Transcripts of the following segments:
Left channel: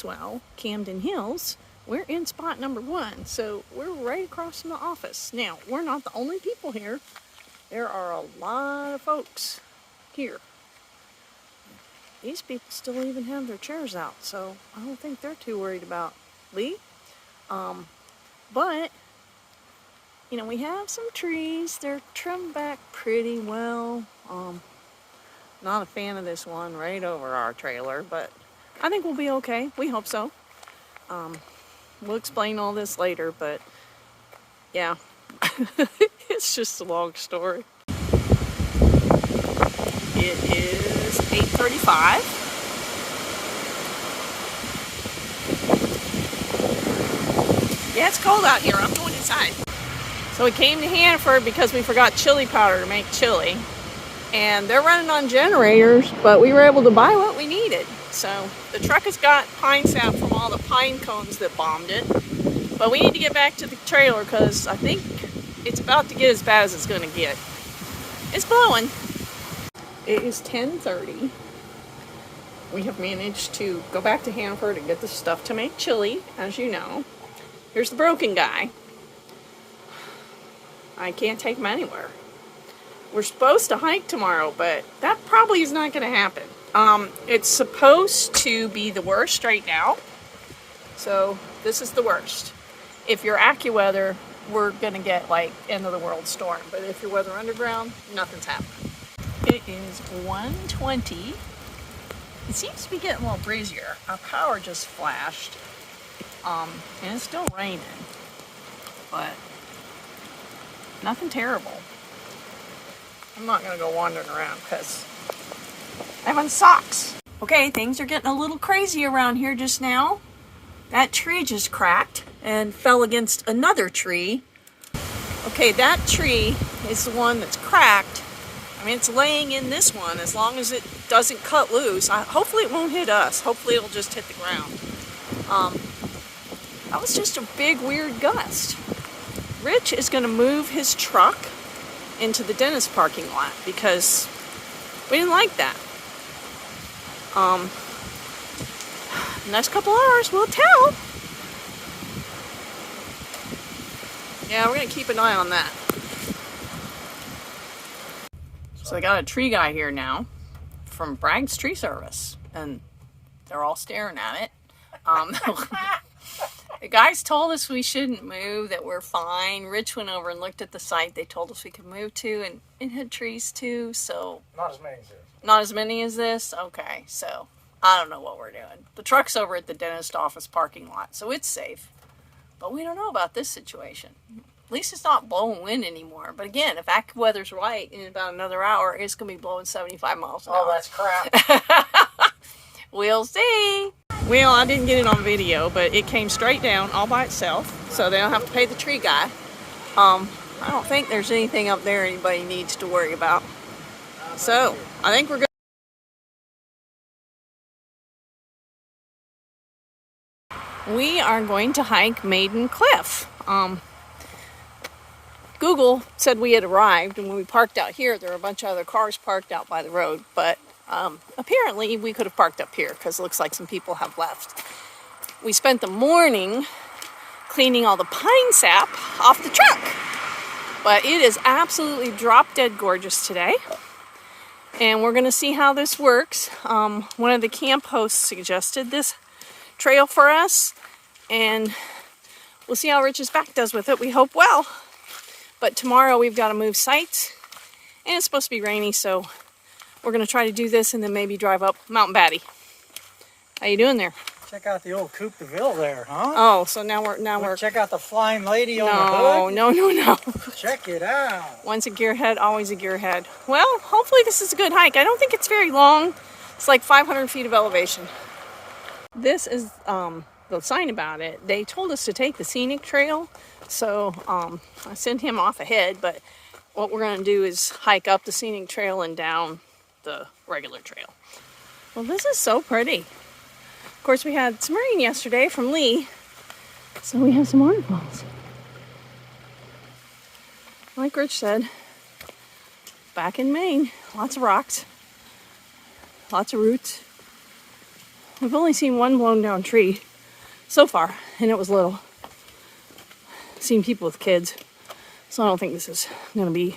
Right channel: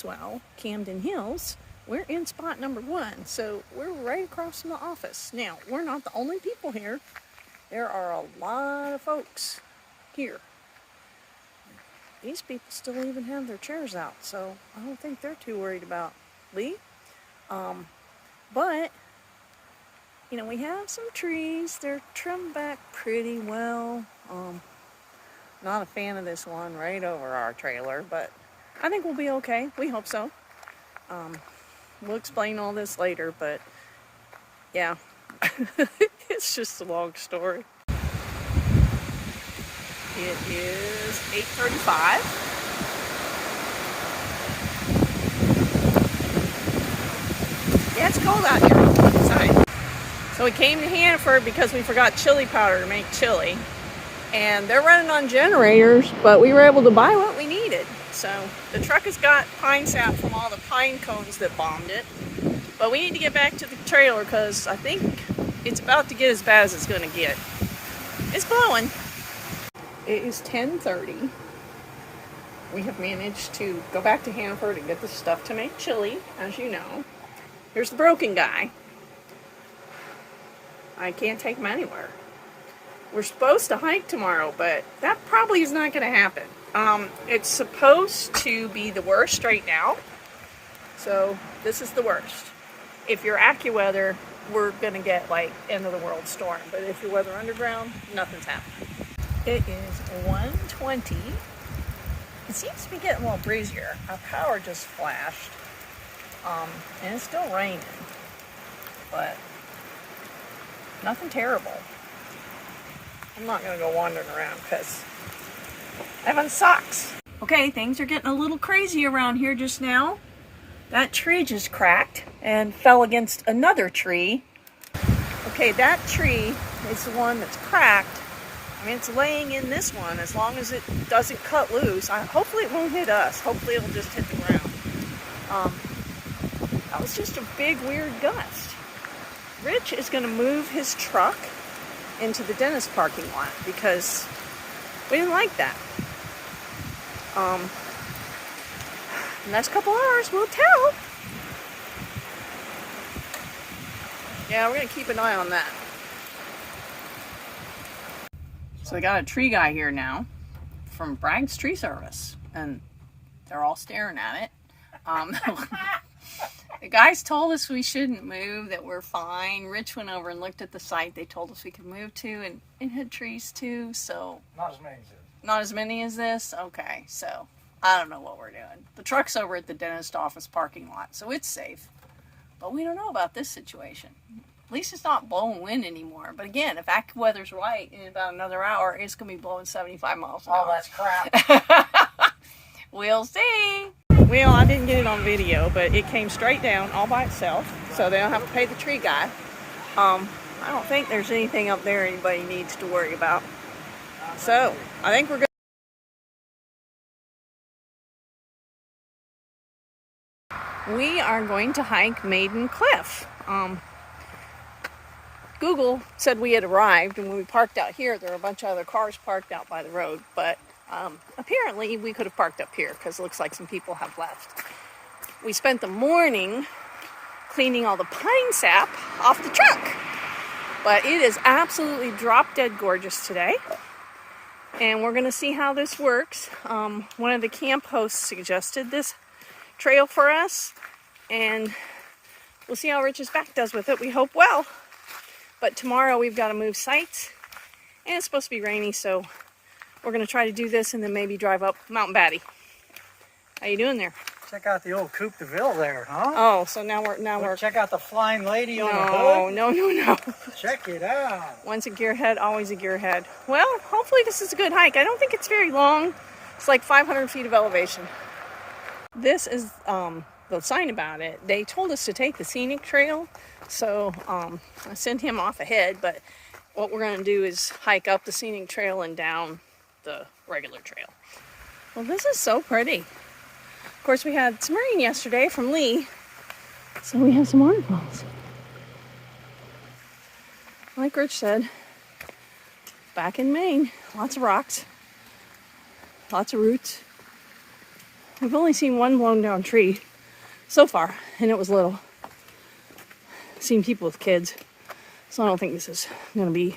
Swell Camden Hills, we're in spot number 1, so we're right across from the office. Now, we're not the only people here. There are a lot of folks here. These people still even have their chairs out, so I don't think they're too worried about Lee. But, you know, we have some trees. They're trimmed back pretty well. Not a fan of this one right over our trailer, but I think we'll be okay. We hope so. We'll explain all this later, but yeah, it's just a long story. It is 8:35. Yeah, it's cold out here on the inside. So we came to Hanford because we forgot chili powder to make chili. And they're running on generators, but we were able to buy what we needed. So the truck has got pine sap from all the pine cones that bombed it. But we need to get back to the trailer because I think it's about to get as bad as it's going to get. It's blowing. It is 10:30. We have managed to go back to Hanford and get the stuff to make chili, as you know. Here's the broken guy. I can't take him anywhere. We're supposed to hike tomorrow, but that probably is not going to happen. It's supposed to be the worst right now. So this is the worst. If you're AccuWeather, we're going to get like end of the world storm. But if you're Weather Underground, nothing's happening. It is 1:20. It seems to be getting a little breezier. Our power just flashed. And it's still raining. But nothing terrible. I'm not going to go wandering around because I have on socks. Okay, things are getting a little crazy around here just now. That tree just cracked and fell against another tree. Okay, that tree is the one that's cracked. I mean, it's laying in this one as long as it doesn't cut loose. Hopefully it won't hit us. Hopefully it'll just hit the ground. That was just a big, weird gust. Rich is going to move his truck into the dentist parking lot because we didn't like that. Next couple hours we'll tell. Yeah, we're gonna keep an eye on that. So I got a tree guy here now from Bragg's Tree Service, and they're all staring at it. The guys told us we shouldn't move, that we're fine. Rich went over and looked at the site they told us we could move to, and it had trees too, so... Not as many as this. Not as many as this? Okay, so I don't know what we're doing. The truck's over at the dentist office parking lot, so it's safe. But we don't know about this situation. At least it's not blowing wind anymore. But again, if AccuWeather's right, in about another hour, it's going to be blowing 75 miles an hour. Oh, that's crap. We'll see. Well, I didn't get it on video, but it came straight down all by itself, so they don't have to pay the tree guy. I don't think there's anything up there anybody needs to worry about. So, I think we're good. We are going to hike Maiden Cliff. Google said we had arrived, and when we parked out here, there were a bunch of other cars parked out by the road, but apparently we could have parked up here because it looks like some people have left. We spent the morning cleaning all the pine sap off the truck, but it is absolutely drop dead gorgeous today, and we're going to see how this works. One of the camp hosts suggested this trail for us, and we'll see how Rich's back does with it. We hope well. But tomorrow we've got to move sites, and it's supposed to be rainy, so we're going to try to do this and then maybe drive up Mount Battie. How you doing there? Check out the old Coupe de Ville there, huh? Oh, so now we're check out the flying lady on the hood. No. Check it out. Once a gearhead, always a gearhead. Well, hopefully this is a good hike. I don't think it's very long. It's like 500 feet of elevation. This is the sign about it. They told us to take the scenic trail, so I sent him off ahead, but what we're going to do is hike up the scenic trail and down the regular trail. Well, this is so pretty. Of course, we had some rain yesterday from Lee, so we have some waterfalls. Like Rich said, back in Maine, lots of rocks, lots of roots, We've only seen one blown down tree so far, and it was little. Seen people with kids, so I don't think this is going to be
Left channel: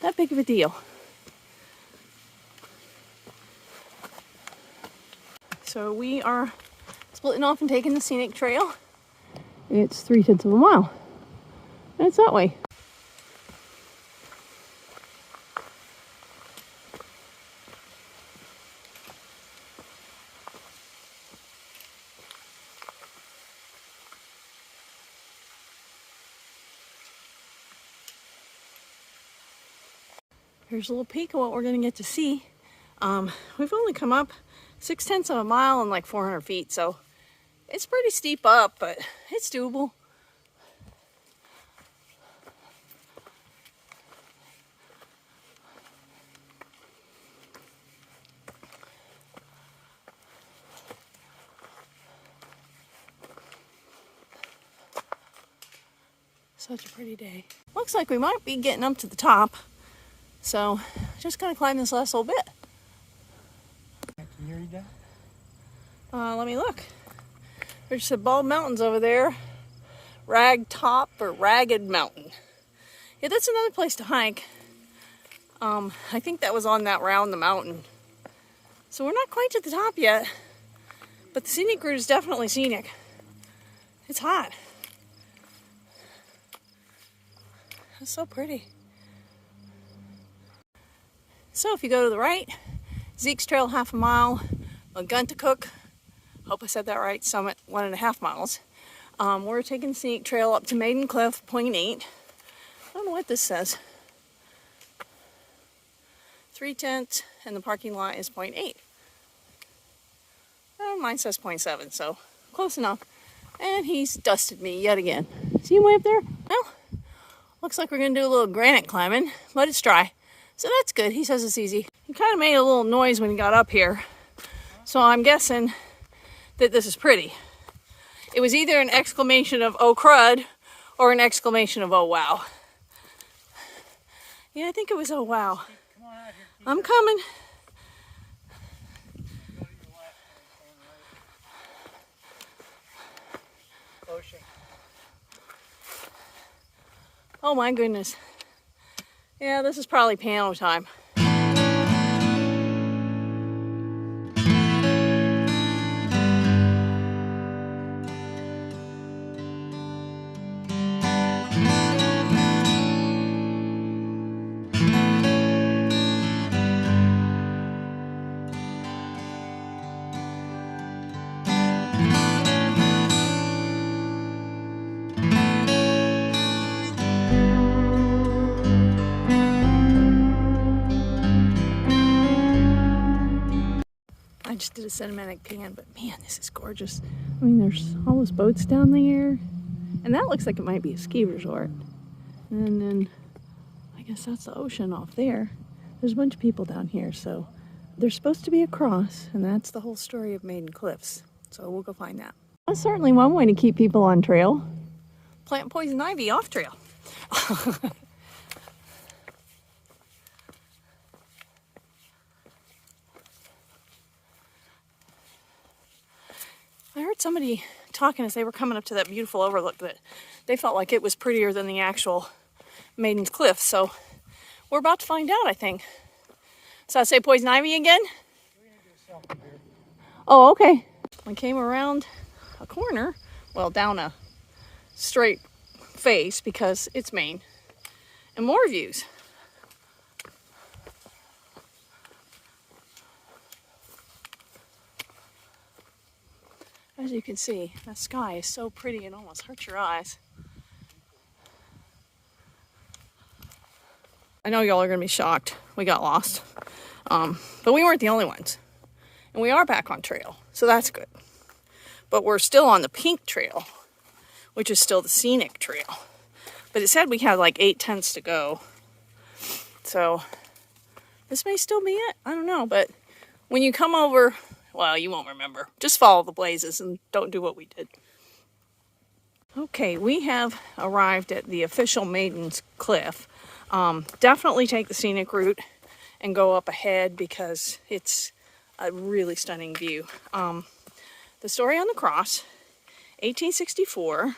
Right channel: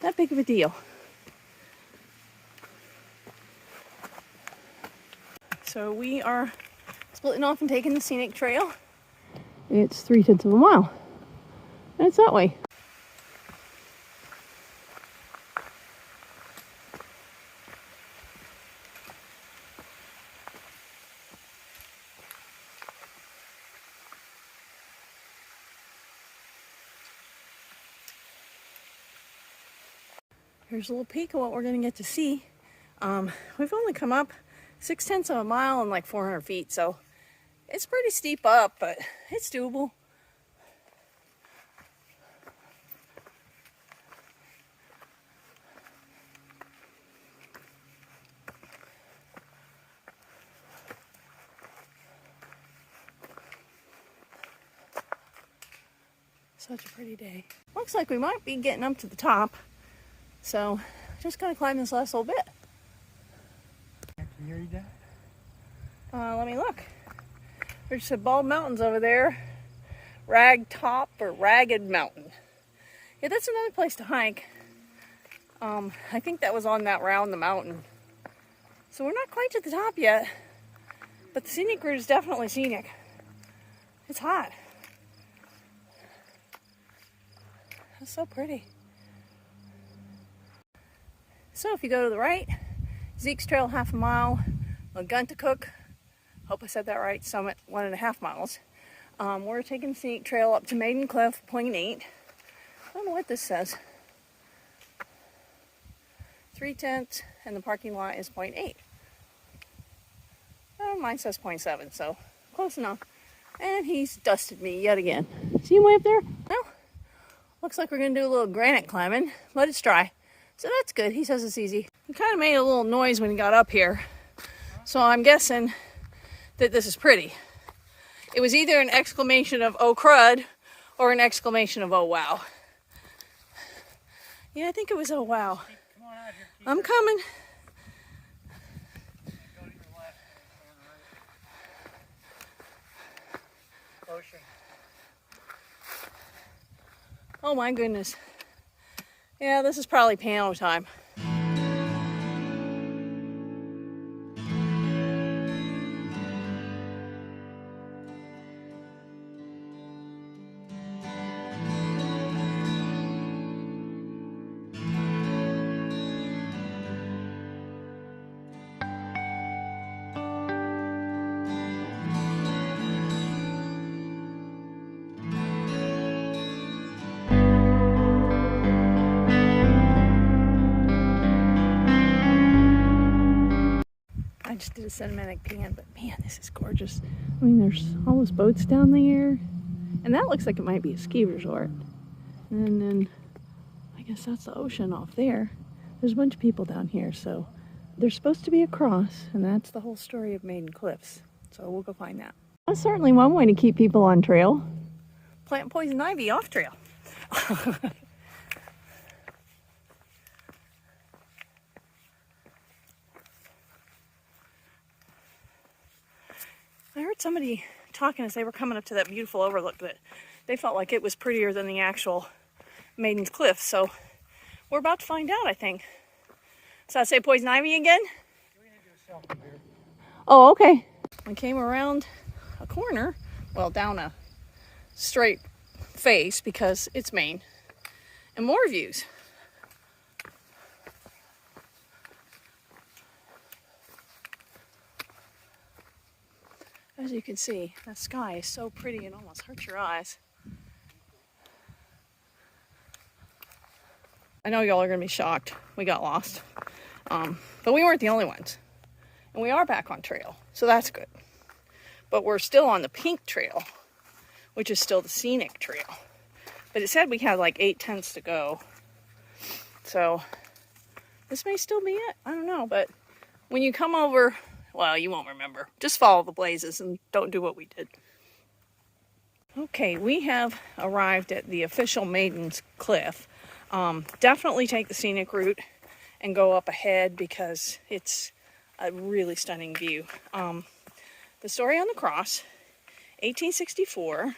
that big of a deal. So we are splitting off and taking the scenic trail. It's 3/10 of a mile. And it's that way. Here's a little peek of what we're going to get to see. We've only come up 6/10 of a mile and like 400 feet, so it's pretty steep up, but it's doable. Such a pretty day. Looks like we might be getting up to the top. So, just gonna climb this last little bit. Can you read that? Let me look. There's some bald mountains over there. Rag Top or Ragged Mountain. Yeah, that's another place to hike. I think that was on that round the mountain. So we're not quite to the top yet, but the scenic route is definitely scenic. It's hot. It's so pretty. So if you go to the right, Zeke's Trail 1/2 mile, Maguntacook, hope I said that right, Summit 1.5 miles. We're taking the scenic trail up to Maiden Cliff, 0.8. I don't know what this says. 3/10, and the parking lot is 0.8. Mine says 0.7, so close enough. And he's dusted me yet again. See him way up there? Well, looks like we're gonna do a little granite climbing, but it's dry. So that's good. He says it's easy. He kind of made a little noise when he got up here. So I'm guessing that this is pretty. It was either an exclamation of "oh crud" or an exclamation of "oh wow." Yeah, I think it was "oh wow." I'm coming. Go to your left and right. Ocean. Oh my goodness. Yeah, this is probably piano time. I just did a cinematic pan, but man, this is gorgeous. I mean, there's all those boats down there, and that looks like it might be a ski resort. And then, I guess that's the ocean off there. There's a bunch of people down here, so there's supposed to be a cross, and that's the whole story of Maiden Cliffs. So we'll go find that. That's certainly one way to keep people on trail. Plant poison ivy off trail. I heard somebody talking as they were coming up to that beautiful overlook that they felt like it was prettier than the actual Maiden's Cliff. So we're about to find out, I think. So I say poison ivy again? We're gonna do a selfie here. Oh, okay. I came around a corner, well, down a straight face because it's Maine, and more views. As you can see, that sky is so pretty it almost hurts your eyes. I know y'all are gonna be shocked. We got lost. But we weren't the only ones. And we are back on trail, so that's good. But we're still on the pink trail, which is still the scenic trail. But it said we had like 8/10 to go. So this may still be it. I don't know, but when you come over, well, you won't remember. Just follow the blazes and don't do what we did. Okay, we have arrived at the official Maiden's Cliff. Definitely take the scenic route and go up ahead because it's a really stunning view. The Story on the Cross, 1864.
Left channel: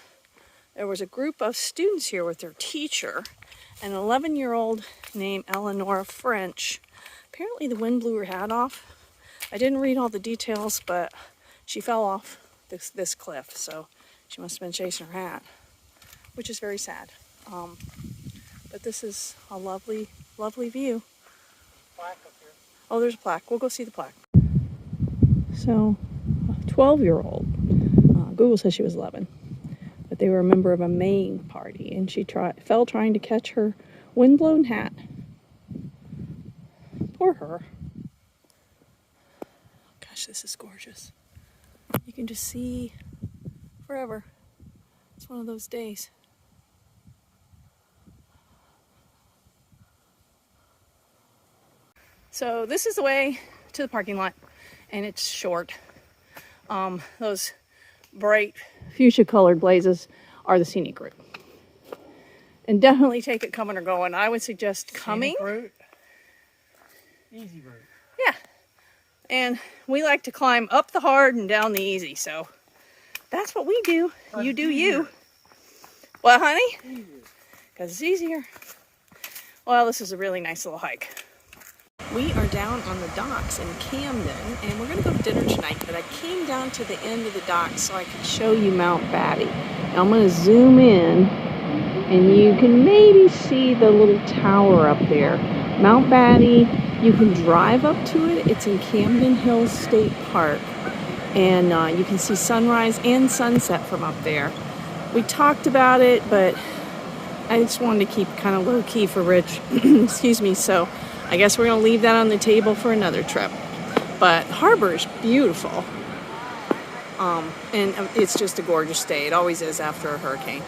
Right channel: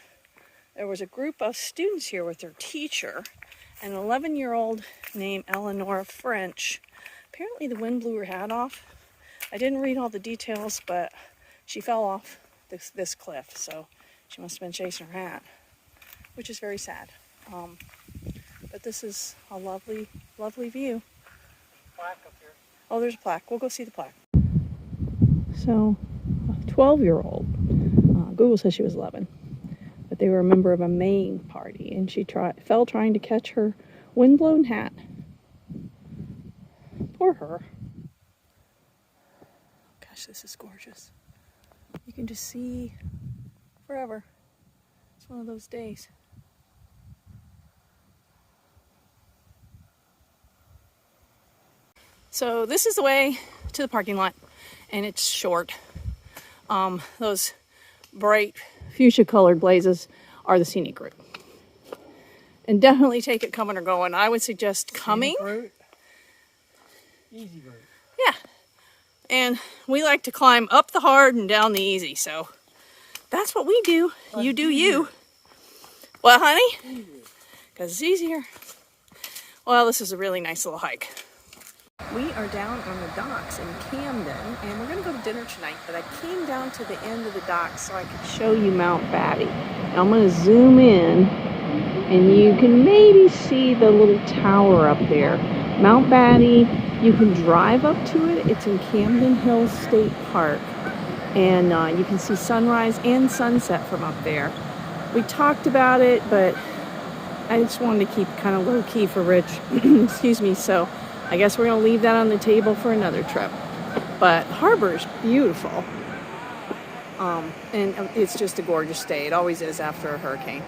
There was a group of students here with their teacher, an 11-year-old named Eleanor French. Apparently the wind blew her hat off. I didn't read all the details, but she fell off this cliff, so she must have been chasing her hat, which is very sad. But this is a lovely, lovely view. Plaque up here. Oh, there's a plaque. We'll go see the plaque. So, a 12-year-old, Google says she was 11, but they were a member of a Maine party, and she fell trying to catch her windblown hat. Poor her. Gosh, this is gorgeous. You can just see forever. It's one of those days. So this is the way to the parking lot, and it's short. Those bright fuchsia colored blazes are the scenic route. And definitely take it coming or going. I would suggest coming. Scenic route. Easy route. Yeah. And we like to climb up the hard and down the easy, so that's what we do. You do you. What, honey? Because it's easier. Well, this is a really nice little hike. We are down on the docks in Camden, and we're going to go to dinner tonight, but I came down to the end of the docks so I could show you Mount Battie. Now I'm going to zoom in, and you can maybe see the little tower up there. Mount Battie, you can drive up to it. It's in Camden Hills State Park, and you can see sunrise and sunset from up there. We talked about it, but I just wanted to keep it kind of low-key for Rich. Excuse me, so I guess we're going to leave that on the table for another trip. But the harbor is beautiful. And it's just a gorgeous day. It always is after a hurricane.